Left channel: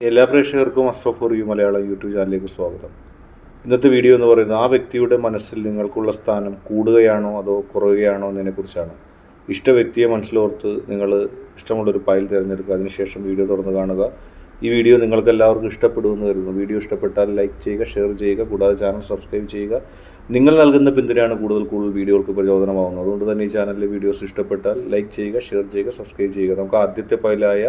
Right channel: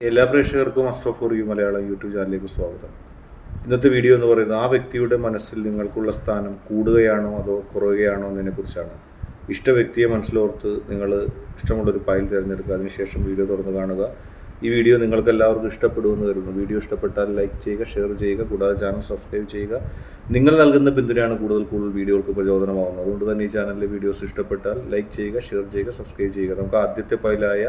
എല്ലാ പ്രേക്ഷകർക്കും astro for you Malayalam YouTube ചാനലിലേക്ക് സ്വാഗതം. ഇന്നത്തെ വീഡിയോ എന്ന് പറയുന്നത് ആ വ്യക്തിയുടെ മനസ്സിൽ നിങ്ങൾക്കുള്ള സ്ഥാനം കൂടുകയാണോ അതോ കുറയുകയാണോ എന്നതിനെക്കുറിച്ചാണ്. ഇഷ്ട വ്യക്തിയെ മനസ്സിലോർത്ത് നിങ്ങൾ ഇഷ്ടമുള്ളൊരു ഫയൽ തിരഞ്ഞെടുക്കുക. അതിനുശേഷം വീഡിയോ തുറന്ന് കാണുക. ഈ വീഡിയോ നിങ്ങൾക്ക് എല്ലാവർക്കും ഇഷ്ടപ്പെടുമെന്ന് കരുതുന്നു. വീഡിയോ ഇഷ്ടപ്പെട്ടാൽ ലൈക്ക് ചെയ്യുക ഷെയർ ചെയ്യുക കൂടാതെ ചാനൽ സബ്സ്ക്രൈബ് ചെയ്യുക. നിങ്ങൾ നൽകുന്ന പിന്തുണയാണ് കൂടുതൽ കൂടുതൽ വീഡിയോകൾക്ക് പ്രചോദനമാകുന്നത് അതുകൊണ്ട് തന്നെ ഈ ചാനലിലെ വീഡിയോസ് ഇഷ്ടപ്പെട്ടാൽ ലൈക്ക് ചെയ്യുക ഷെയർ ചെയ്യുക സബ്സ്ക്രൈബ് ചെയ്യുക. നമുക്ക് ആദ്യത്തെ ഫയലായ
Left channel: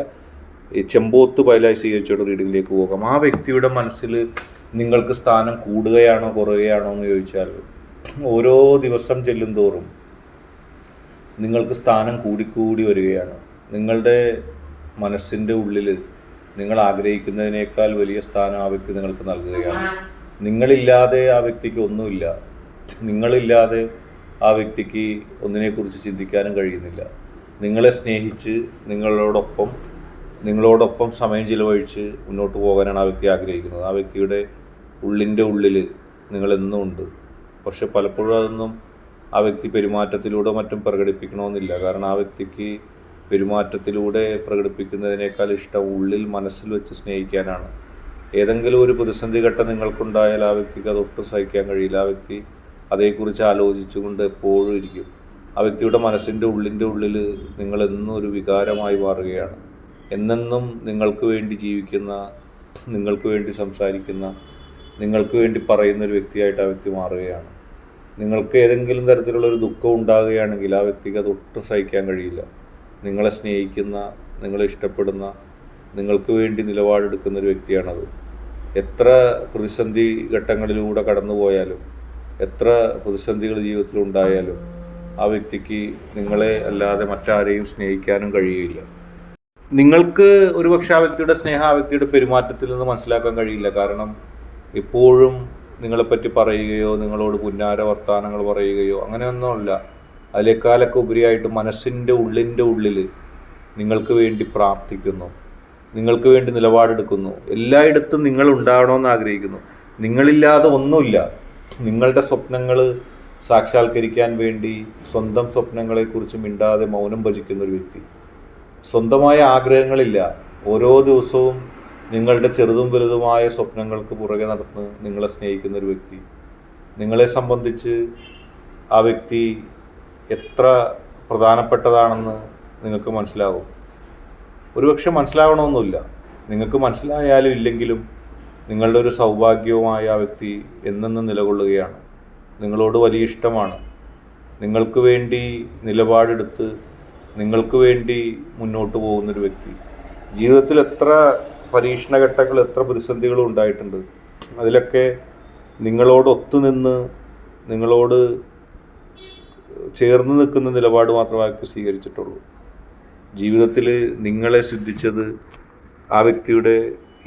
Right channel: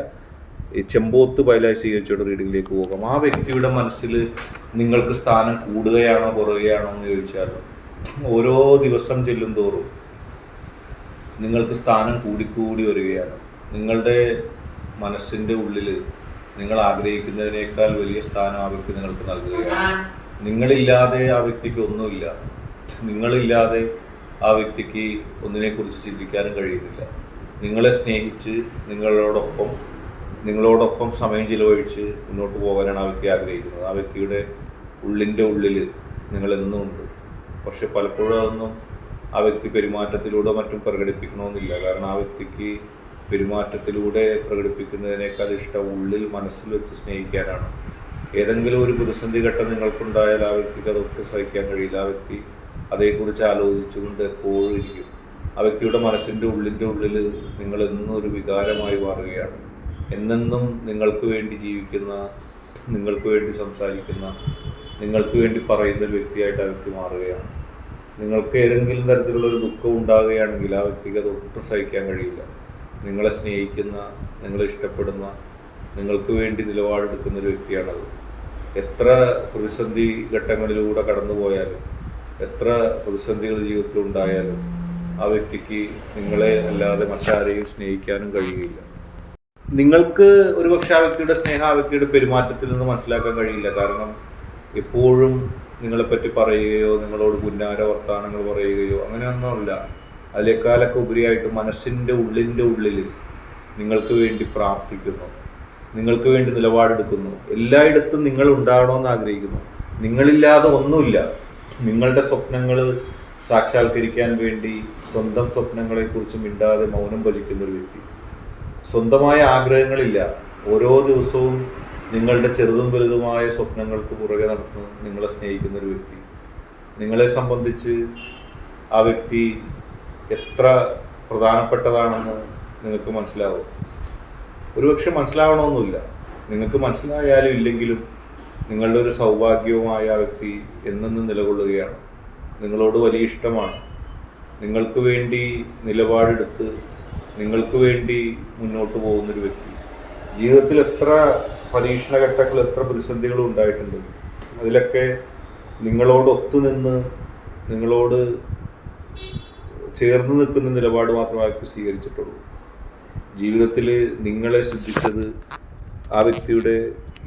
ചെമ്പോത്ത് പൈലായി സ്വീകരിച്ചോട് റീഡിങ്ങിലേക്ക് പോകാം. ആ വ്യക്തിയുടെ മനസ്സിൽ നിങ്ങൾക്ക് സ്ഥാനം കൂടുകയാണോ കുറയുകയാണോ എന്ന് ചോദിച്ചാൽ ഓരോ ദിവസം ചെല്ലും തോറും നിങ്ങൾക്ക് സ്ഥാനം കൂടിക്കൂടി വരികയാണ്. നിങ്ങളുടെ മനസ്സിന്റെ ഉള്ളിൽ നിങ്ങൾ ആഗ്രഹിക്കുന്നതിനേക്കാൾ വലിയ സ്ഥാനം ആ വ്യക്തി നിങ്ങൾക്ക് നൽകുകയാണ്. നിങ്ങളില്ലാതെ ആ വ്യക്തിക്ക് ഒന്നുമില്ല. നിങ്ങളില്ലാതെ ആ വ്യക്തിക്ക് ഒന്നിനെക്കുറിച്ച് ചിന്തിക്കാനും കഴിയുന്നില്ല. നിങ്ങളെ സ്നേഹിച്ച് നിങ്ങളോടൊപ്പം നിങ്ങളോടൊപ്പം സമയം ചിലവഴിച്ച് മുന്നോട്ട് പോകാനാണ് ആ വ്യക്തി ആഗ്രഹിക്കുന്നത്. ആ വ്യക്തിയുടെ ഉള്ളിന്റെ ഉള്ളിൽ നിങ്ങളെന്നും ഉണ്ട്. പക്ഷെ പലപ്പോഴും അതൊന്നും ആ വ്യക്തി പെരുമാറ്റത്തിലൂടെ മറ്റും പ്രകടിപ്പിക്കണമെന്നില്ല. കാരണം ആ വ്യക്തിക്ക് പെരുമാറ്റത്തിലൂടെ പ്രകടിപ്പിക്കുന്നതിനേക്കാൾ ഇഷ്ടം ഉള്ളിൽ മനസ്സിൽ വെച്ച് സ്നേഹിക്കാനാണ്. ഏതെങ്കിലും ഒരു പ്രതിസന്ധി ഘട്ടം നിങ്ങൾക്കുണ്ടായാൽ ആ വ്യക്തിക്ക് അത് ഒട്ടും സഹിക്കാൻ കഴിയില്ല. ആ വ്യക്തി അതേക്കുറിച്ച് ആലോചിച്ചുകൊണ്ട് എപ്പോഴും ഇരിക്കും. ആ വ്യക്തിയുടെ മനസ്സിന്റെ ഉള്ളിന്റെ ഉള്ളിൽ നിങ്ങളെന്നും ഒരു വികാരമായി മാറുകയാണ്. എന്നെന്നും നിങ്ങൾക്ക് വേണ്ടി ജീവിക്കുന്ന നിങ്ങൾക്ക് വേണ്ടി സംസാരിക്കുന്ന നിങ്ങൾക്ക് വേണ്ടി പറയുന്ന ഒരു വ്യക്തിയായിട്ട് ആ വ്യക്തി മാറുകയാണ്. നിങ്ങൾക്ക് ഏതെങ്കിലും തരത്തിലുള്ള ഒരു ദുഃഖം ഉണ്ടാകുകയാണെങ്കിൽ ആ വ്യക്തിക്ക് അത് ഒട്ടും സഹിക്കാൻ കഴിയില്ല. നിങ്ങളെ സ്നേഹിക്കുന്ന നിങ്ങളെ ഇഷ്ടപ്പെടുന്ന നിങ്ങൾക്ക് വേണ്ടി നിലപാടെടുക്കുന്ന ഒരു വ്യക്തിയാണത്. എത്ര പ്രതിസന്ധി ഘട്ടങ്ങളിലൂടെ കടന്നു പോയാലും എത്ര പ്രതിസന്ധികൾ ജീവിതത്തിൽ ഉണ്ടായാലും ആ വ്യക്തിക്ക് നിങ്ങളെ അല്ലാതെ മറ്റാരെയും സ്നേഹിക്കാനും കഴിയില്ല നിങ്ങൾക്ക് ഒരുപക്ഷെ ആ വ്യക്തിയുടെ സ്നേഹം ആ വ്യക്തിയുടെ പെരുമാറ്റത്തിൽ നിന്ന് മനസ്സിലാക്കാൻ കഴിയില്ല. കാരണം എപ്പോഴും നിങ്ങളെപ്പറ്റി പറയുകയോ നിങ്ങളോട് പുന്നാര വർത്തമാനങ്ങൾ പറയുകയോ അങ്ങനെയൊന്നുമില്ല അതിലേക്കാലൊക്കെ ഉപരിയായിട്ട് മനസ്സിന്റെ ഉള്ളിന്റെ ഉള്ളിൽ നിങ്ങൾക്ക് വേണ്ടി പ്രാർത്ഥിക്കുന്നു. നിങ്ങൾക്ക് വേണ്ടി നിലപാടെടുക്കുന്നു. എല്ലായിടത്തും നിങ്ങൾ ഉണ്ടാകണമെന്ന് ആഗ്രഹിക്കുന്നു. നിങ്ങളില്ലാതെ ഒന്നുമില്ല. നിങ്ങളുടെ സ്വപ്നങ്ങൾ സാക്ഷാത്കരിക്കാൻ വേണ്ടി സ്വന്തം സ്വപ്നങ്ങളെക്കുറിച്ച് മിണ്ടാതെ മൗനം ഭജിക്കുന്ന ഒരു വ്യക്തി. സ്വന്തമായ ആഗ്രഹങ്ങളില്ല. ഓരോ ദിവസവും നിങ്ങളുടെ ചെറുതും വലുതുമായ സ്വപ്നങ്ങൾക്ക് പുറകെ നടന്ന് നിങ്ങളെ സ്നേഹിക്കുന്ന ഒരു വ്യക്തി. നിങ്ങളെ സംബന്ധിച്ച് ആ വ്യക്തി എത്ര പ്രധാനപ്പെട്ടതാണെന്ന് നിങ്ങൾക്ക് മനസ്സിലാവും. ഒരുപക്ഷെ മനസ്സിലാവണമെന്നില്ല. നിങ്ങൾക്ക് മനസ്സിലായാലും ഇല്ലെങ്കിലും നിങ്ങളുടെ ഒരു സൗഭാഗ്യവുമായ ആ വ്യക്തി എന്നെന്ന് നിലകൊള്ളുകയാണ്. നിങ്ങളോട് വലിയ ഇഷ്ടമാണ്. നിങ്ങൾക്ക് വേണ്ടി നിലപാടെടുത്ത് നിങ്ങൾക്ക് വേണ്ടി മുന്നോട്ട് പോകുന്നൊരു വ്യക്തി. ജീവിതത്തിൽ എത്ര പരീക്ഷണഘട്ടങ്ങൾ എത്ര പ്രതിസന്ധികളും ഉണ്ടായിട്ടുണ്ട്. അതിലൊക്കെ നിങ്ങളോട് ഒത്തുനിന്ന് നിങ്ങളോട് ചേർന്ന് നിൽക്കുന്ന നിലപാട് മാത്രമേ അയാൾക്ക് സ്വീകരിച്ചിട്ടുള്ളൂ. ജീവിതത്തിൽ നിങ്ങളെ സിദ്ധിച്ചത് ആ വ്യക്തിയുടെ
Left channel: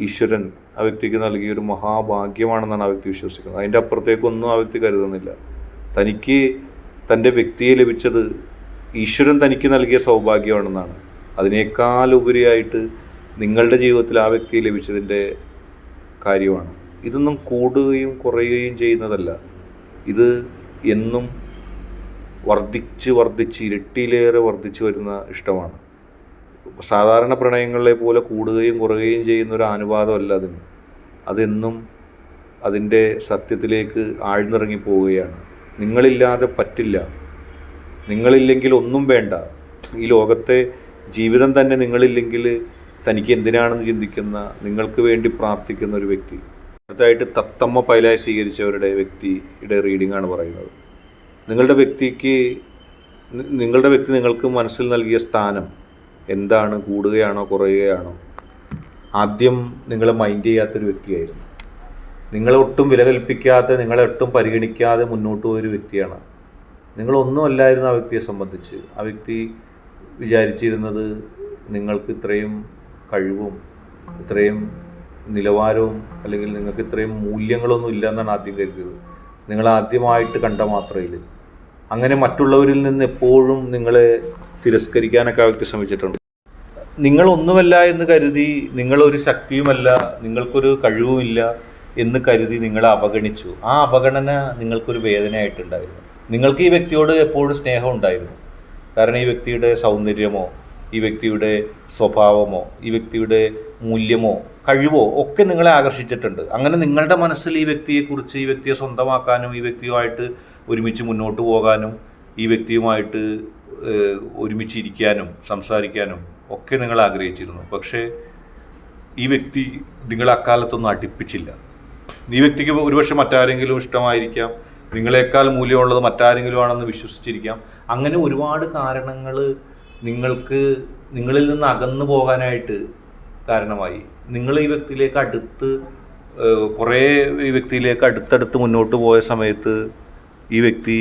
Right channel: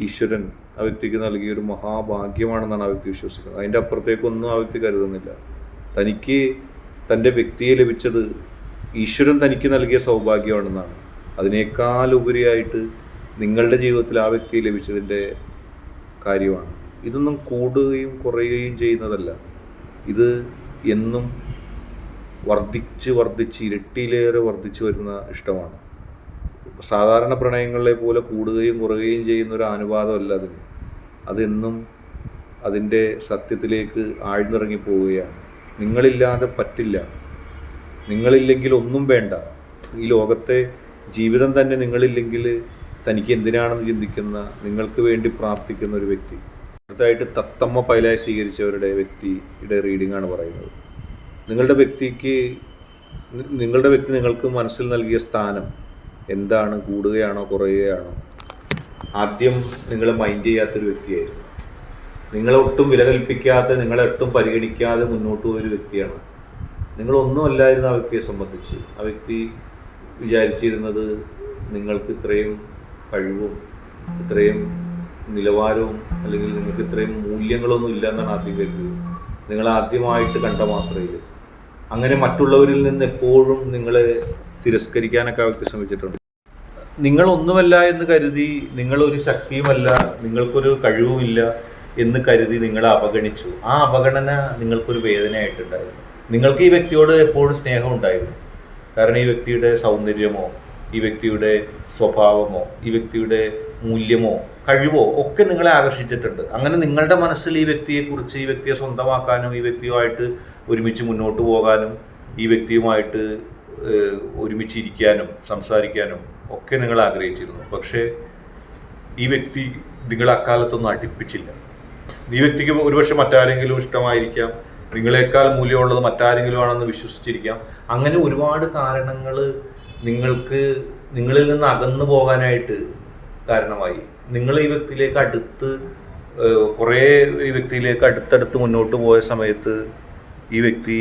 ഈശ്വരൻ ആ വ്യക്തിക്ക് നൽകിയ ഒരു മഹാഭാഗ്യമാണെന്നാണ് ആ വ്യക്തി വിശ്വസിക്കുന്നത്. അതിന്റെ അപ്പുറത്തേക്കൊന്നും ആ വ്യക്തി കരുതുന്നില്ല. തനിക്ക് തന്റെ വ്യക്തിയെ ലഭിച്ചത് ഈശ്വരൻ തനിക്ക് നൽകിയ സൗഭാഗ്യമാണെന്നാണ്. അതിനേക്കാൾ ഉപരിയായിട്ട് നിങ്ങളുടെ ജീവിതത്തിൽ ആ വ്യക്തി ലഭിച്ചതിന്റെ കാര്യമാണ്. ഇതൊന്നും കൂടുകയും കുറയുകയും ചെയ്യുന്നതല്ല. ഇത് എന്നും വർദ്ധിച്ച് വർദ്ധിച്ച് ഇരട്ടിയിലേറെ വർദ്ധിച്ചു വരുന്ന ഇഷ്ടമാണ്. സാധാരണ പ്രണയങ്ങളെ പോലെ കൂടുകയും കുറയുകയും ചെയ്യുന്ന ഒരു അനുവാദമല്ല അതിന്. അതെന്നും അതിന്റെ സത്യത്തിലേക്ക് ആഴ്ന്നിറങ്ങി പോവുകയാണ്. നിങ്ങളില്ലാതെ പറ്റില്ല. നിങ്ങളില്ലെങ്കിൽ ഒന്നും വേണ്ട. ഈ ലോകത്തെ ജീവിതം തന്നെ നിങ്ങളില്ലെങ്കിൽ തനിക്ക് എന്തിനാണെന്ന് ചിന്തിക്കുന്ന നിങ്ങൾക്ക് വേണ്ടി പ്രാർത്ഥിക്കുന്ന ഒരു വ്യക്തി. അടുത്തായിട്ട് തത്തമ്മ പൈലായി സ്വീകരിച്ചവരുടെ വ്യക്തിയുടെ റീഡിംഗ് ആണ് പറയുന്നത്. നിങ്ങളുടെ വ്യക്തിക്ക് നിങ്ങളുടെ വ്യക്തി നിങ്ങൾക്ക് മനസ്സിൽ നൽകിയ സ്ഥാനം എന്താണ്? കൂടുകയാണോ കുറയുകയാണോ? ആദ്യം നിങ്ങൾ മൈൻഡ് ചെയ്യാത്തൊരു വ്യക്തിയായിരുന്നു. നിങ്ങളെ ഒട്ടും വില കൽപ്പിക്കാതെ നിങ്ങളെ ഒട്ടും പരിഗണിക്കാതെ മുന്നോട്ട് പോയൊരു വ്യക്തിയാണ് നിങ്ങളൊന്നുമല്ലായിരുന്നു ആ വ്യക്തിയെ സംബന്ധിച്ച്. ആ വ്യക്തി വിചാരിച്ചിരുന്നത് നിങ്ങൾക്ക് ഇത്രയും കഴിവും ഇത്രയും നിലവാരവും അല്ലെങ്കിൽ നിങ്ങൾക്ക് ഇത്രയും മൂല്യങ്ങളൊന്നും ഇല്ല എന്നാണ് ആദ്യം കരുതിയത് നിങ്ങൾ ആദ്യമായിട്ട് കണ്ട മാത്രയിൽ. അങ്ങനെ മറ്റുള്ളവരിൽ നിന്ന് എപ്പോഴും നിങ്ങളെ തിരസ്കരിക്കാനൊക്കെ ആ വ്യക്തി ശ്രമിച്ചിട്ടുണ്ട്. നിങ്ങളൊന്നുമല്ല എന്ന് കരുതി നിങ്ങളൊരു ശക്തിയുമല്ല നിങ്ങൾക്കൊരു കഴിവുമില്ല എന്ന് കരുതി നിങ്ങളെ അവഗണിച്ചു. ആ അവഗണന നിങ്ങൾക്കൊരു വേദനയായിട്ടുണ്ടായിരുന്നു. നിങ്ങൾക്ക് ഈ വ്യക്തിയോട് എപ്പോഴും സ്നേഹം ഉണ്ടായിരുന്നു. കാരണം ഈ വ്യക്തിയുടെ സൗന്ദര്യമോ ഈ വ്യക്തിയുടെ സ്വഭാവമോ ഈ വ്യക്തിയുടെ മൂല്യമോ കഴിവോ ഒക്കെ നിങ്ങളെ ആകർഷിച്ചിട്ടുണ്ട്. അങ്ങനെ നിങ്ങളുടെ മനസ്സിൽ ഈ വ്യക്തിയെക്കുറിച്ച് ഈ വ്യക്തിയെ സ്വന്തമാക്കാനും ഈ വ്യക്തിയുമായിട്ട് ഒരുമിച്ച് മുന്നോട്ട് പോകാനും ഈ വ്യക്തിയുമായിട്ട് ഒരുമിച്ചിരിക്കാനും സംസാരിക്കാനും ഒക്കെ നിങ്ങൾ ആഗ്രഹിച്ചിരുന്നു. പക്ഷേ ഈ വ്യക്തി നിങ്ങളെ അക്കാലത്തൊന്നും അടുപ്പിച്ചില്ല. ഈ വ്യക്തിക്ക് ഒരുപക്ഷെ മറ്റാരെങ്കിലും ഇഷ്ടമായിരിക്കാം. നിങ്ങളെക്കാൾ മൂല്യമുള്ളത് മറ്റാരെങ്കിലും ആണെന്ന് വിശ്വസിച്ചിരിക്കാം. അങ്ങനെ ഒരുപാട് കാരണങ്ങൾ നിങ്ങൾക്ക് നിങ്ങളിൽ നിന്ന് അകന്നു പോകാനായിട്ട് കാരണമായി. നിങ്ങൾ ഈ വ്യക്തിയിലേക്ക് അടുത്ത് കുറേ ഈ വ്യക്തിയിലേക്ക് അടുത്തടുത്ത് മുന്നോട്ട് പോയ സമയത്ത് ഈ വ്യക്തി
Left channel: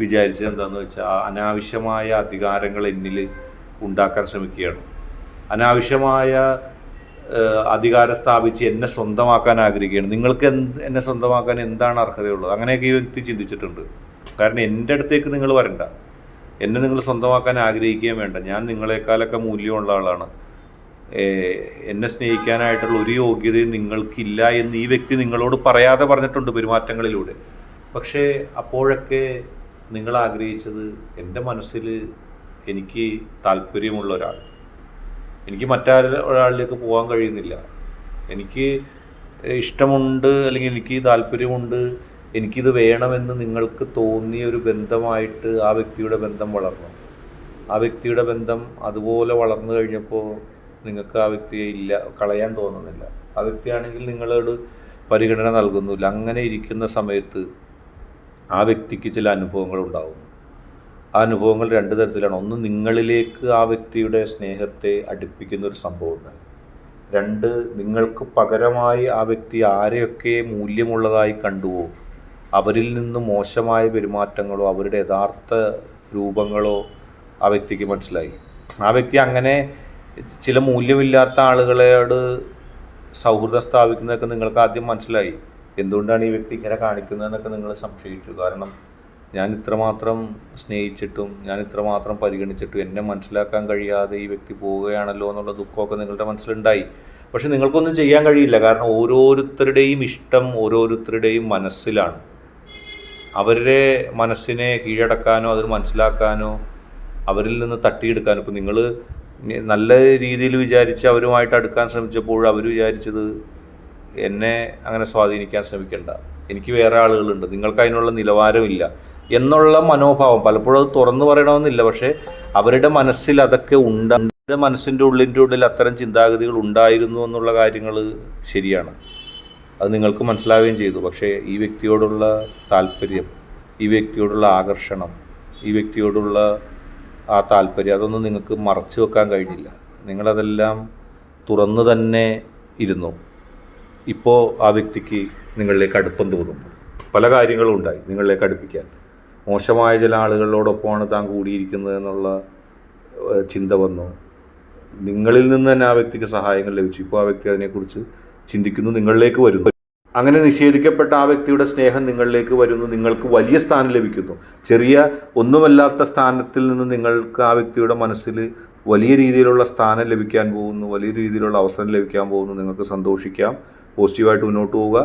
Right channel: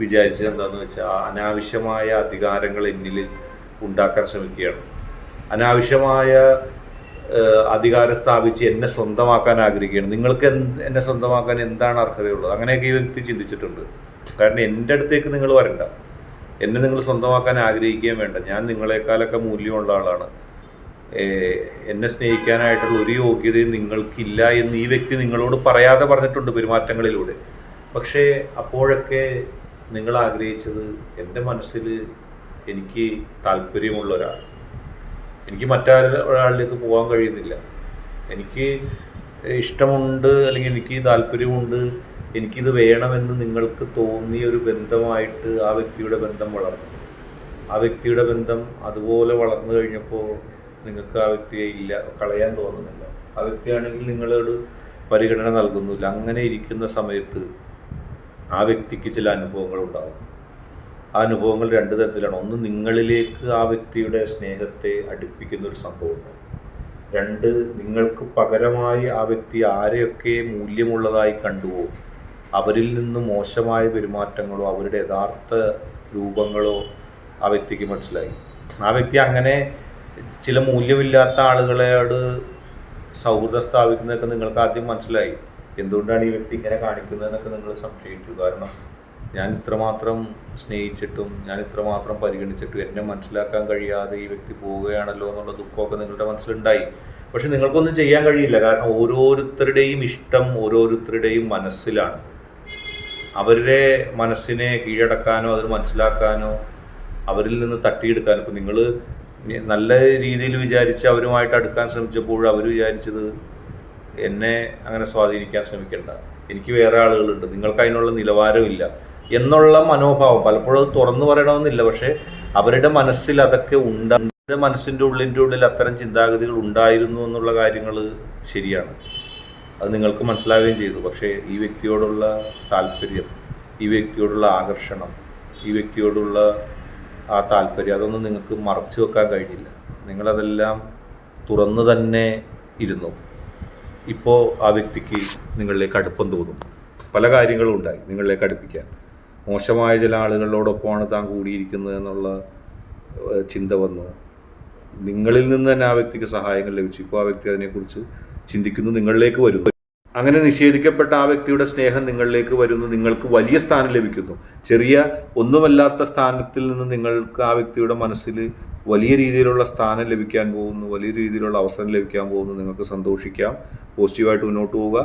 വിചാരിച്ചത് എന്താണെന്ന് വെച്ചാൽ അനാവശ്യമായ അധികാരങ്ങൾ എന്നിൽ ഉണ്ടാക്കാൻ ശ്രമിക്കുകയാണ്. അനാവശ്യമായ അധികാരം സ്ഥാപിച്ച് എന്നെ സ്വന്തമാക്കാൻ ആഗ്രഹിക്കുകയാണ്. നിങ്ങൾക്ക് എന്നെ സ്വന്തമാക്കാൻ എന്താണ് അർഹതയുള്ളത്? അങ്ങനെയൊക്കെ ഈ വ്യക്തി ചിന്തിച്ചിട്ടുണ്ട്. കാരണം എന്റെ അടുത്തേക്ക് നിങ്ങൾ വരണ്ട. എന്നെ നിങ്ങൾ സ്വന്തമാക്കാൻ ആഗ്രഹിക്കുകയും വേണ്ട. ഞാൻ നിങ്ങളെക്കാളൊക്കെ മൂല്യമുള്ള ആളാണ്. എന്നെ സ്നേഹിക്കാനായിട്ടുള്ള ഒരു യോഗ്യതയും നിങ്ങൾക്കില്ല എന്ന് ഈ വ്യക്തി നിങ്ങളോട് പറയാതെ പറഞ്ഞിട്ടുണ്ട് പെരുമാറ്റങ്ങളിലൂടെ. പക്ഷേ അപ്പോഴൊക്കെ നിങ്ങൾ ആഗ്രഹിച്ചത് എന്റെ മനസ്സിൽ എനിക്ക് താല്പര്യമുള്ള ഒരാൾ എനിക്ക് മറ്റൊരാളിലേക്ക് പോകാൻ കഴിയുന്നില്ല. എനിക്ക് ഇഷ്ടമുണ്ട് അല്ലെങ്കിൽ എനിക്ക് താല്പര്യമുണ്ട് എനിക്കിത് വേണമെന്ന് നിങ്ങൾക്ക് തോന്നിയ ഒരു ബന്ധമായിട്ട് ആ വ്യക്തിയുടെ ബന്ധം വളർന്നു. ആ വ്യക്തിയുടെ ബന്ധം അതുപോലെ വളർന്നു കഴിഞ്ഞപ്പോൾ നിങ്ങൾക്ക് ആ വ്യക്തിയെ ഇല്ല കളയാൻ തോന്നുന്നില്ല. ആ വ്യക്തിയാണെങ്കിൽ നിങ്ങളോട് പരിഗണന നൽകുന്നില്ല. അങ്ങനെ ഇരിക്കുന്ന സമയത്ത് ആ വ്യക്തിക്ക് ചില അനുഭവങ്ങൾ ഉണ്ടാകും ആ അനുഭവങ്ങൾ രണ്ട് തരത്തിലാണ്. ഒന്ന് നിങ്ങളിലേക്ക് ആ വ്യക്തിയുടെ സ്നേഹത്തെ അടുപ്പിക്കുന്ന ഒരു സംഭവമുണ്ട്. രണ്ട് നിങ്ങൾക്ക് പകരമായി ആ വ്യക്തി ആരെയൊക്കെ മൂല്യമുള്ളതായി കണ്ടുവോ അവരിൽ നിന്ന് മോശമായ പെരുമാറ്റങ്ങളോ അവരുടെ യഥാർത്ഥ രൂപങ്ങളോ ആ വ്യക്തിക്ക് മനസ്സിലായി. ആ വ്യക്തി അങ്ങനെ ചില മൂല്യമില്ലാത്ത ആളുകളോട് സൗഹൃദം സ്ഥാപിക്കുന്നതൊക്കെ നിങ്ങൾക്ക് ആദ്യം മനസ്സിലായി. എന്തുകൊണ്ടാണ് ഈ വ്യക്തി ഇങ്ങനെ കാണിക്കുന്നതെന്നൊക്കെ നിങ്ങൾ സംശയിച്ചു. കാരണം ഞാൻ ഇത്രമാത്രം സ്നേഹിച്ചിട്ടും ഞാൻ ഇത്രമാത്രം പരിഗണിച്ചിട്ടും എന്നെ മനസ്സിലാക്കാൻ കഴിയാതെ ഈ വ്യക്തി പോവുകയാണല്ലോ എന്നുള്ള ദുഃഖമൊക്കെ നിങ്ങളുടെ മനസ്സിലുണ്ടായി. പക്ഷെ നിങ്ങൾക്കൊന്നും ചെയ്യാൻ കഴിയില്ല. കാരണം ഓരോരുത്തരുടെയും ഇഷ്ടം ഓരോരുത്തരുടെയും മനസ്സിലാണ്. അവരുടെ മനസ്സിനെ കീഴടക്കാനോ അത് മനസ്സിലാക്കാനോ അവരിൽ നിന്ന് തട്ടിയെടുക്കാനോ. ഇപ്പം നിങ്ങൾ നല്ല രീതിയിൽ വിചാരിച്ച് അവരുമായിട്ട് അടുക്കാൻ ശ്രമിച്ചപ്പോൾ അവർ വിചാരിച്ചത് എന്നെ അങ്ങനെ സ്വാധീനിക്കാൻ ശ്രമിക്കേണ്ട. എനിക്ക് വേറെ ആളുകളുണ്ട്. നിങ്ങൾക്ക് അതിനുള്ള നിലവാരമില്ല. എന്നുള്ള മനോഭാവം. പലപ്പോഴും അത് തുറന്നു പറയണമെന്നില്ല. പക്ഷേ അവരുടെ മനസ്സിൽ അതൊക്കെ ഉണ്ട്. അവരുടെ മനസ്സിന്റെ ഉള്ളിന്റെ ഉള്ളിൽ അത്തരം ചിന്താഗതികൾ ഉണ്ടായിരുന്നു എന്നുള്ള കാര്യങ്ങൾ ശരിയാണ്. അത് നിങ്ങൾക്ക് മനസ്സിലാവുകയും ചെയ്തു. പക്ഷേ ഈ വ്യക്തിയോടുള്ള താല്പര്യം ഈ വ്യക്തിയോടുള്ള ആകർഷണം ഈ വ്യക്തിയോടുള്ള ആ താല്പര്യം അതൊന്നും നിങ്ങൾക്ക് മറച്ചു വെക്കാൻ കഴിഞ്ഞില്ല. നിങ്ങളതെല്ലാം തുറന്നു തന്നെ ഇരുന്നു. ഇപ്പോൾ ആ വ്യക്തിക്ക് നിങ്ങളിലേക്ക് അടുപ്പം തോന്നും. പല കാര്യങ്ങളും ഉണ്ടായി നിങ്ങളിലേക്ക് അടുപ്പിക്കാൻ. മോശമായ ചില ആളുകളോടൊപ്പമാണ് താൻ കൂടിയിരിക്കുന്നത് എന്നുള്ള ചിന്ത വന്നു. നിങ്ങളിൽ നിന്ന് തന്നെ ആ വ്യക്തിക്ക് സഹായങ്ങൾ ലഭിച്ചു. ഇപ്പോൾ ആ വ്യക്തി അതിനെക്കുറിച്ച് ചിന്തിക്കുന്നു നിങ്ങളിലേക്ക് വരുന്നു. അങ്ങനെ നിഷേധിക്കപ്പെട്ട ആ വ്യക്തിയുടെ സ്നേഹം നിങ്ങളിലേക്ക് വരുന്നു. നിങ്ങൾക്ക് വലിയ സ്ഥാനം ലഭിക്കുന്നു. ചെറിയ ഒന്നുമല്ലാത്ത സ്ഥാനത്തിൽ നിന്ന് നിങ്ങൾക്ക് ആ വ്യക്തിയുടെ മനസ്സിൽ വലിയ രീതിയിലുള്ള സ്ഥാനം ലഭിക്കാൻ പോകുന്നു വലിയ രീതിയിലുള്ള അവസരം ലഭിക്കാൻ പോകുന്നു. നിങ്ങൾക്ക് സന്തോഷിക്കാം പോസിറ്റീവായിട്ട് മുന്നോട്ട് പോവുക.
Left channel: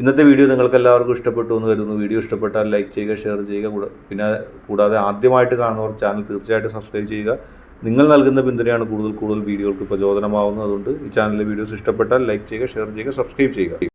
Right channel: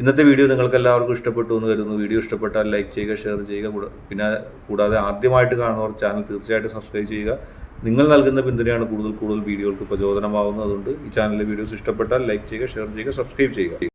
ഇന്നത്തെ വീഡിയോ നിങ്ങൾക്ക് എല്ലാവർക്കും ഇഷ്ടപ്പെട്ടു എന്ന് കരുതുന്നു. വീഡിയോ ഇഷ്ടപ്പെട്ടാൽ ലൈക്ക് ചെയ്യുക ഷെയർ ചെയ്യുക. പിന്നെ കൂടാതെ ആദ്യമായിട്ട് കാണുന്നവർ ചാനൽ തീർച്ചയായിട്ടും സബ്സ്ക്രൈബ് ചെയ്യുക. നിങ്ങൾ നൽകുന്ന പിന്തുണയാണ് കൂടുതൽ കൂടുതൽ വീഡിയോകൾക്ക് പ്രചോദനമാവുന്നത്. അതുകൊണ്ട് ഈ ചാനലിലെ വീഡിയോസ് ഇഷ്ടപ്പെട്ടാൽ ലൈക്ക് ചെയ്യുക ഷെയർ ചെയ്യുക സബ്സ്ക്രൈബ് ചെയ്യുക.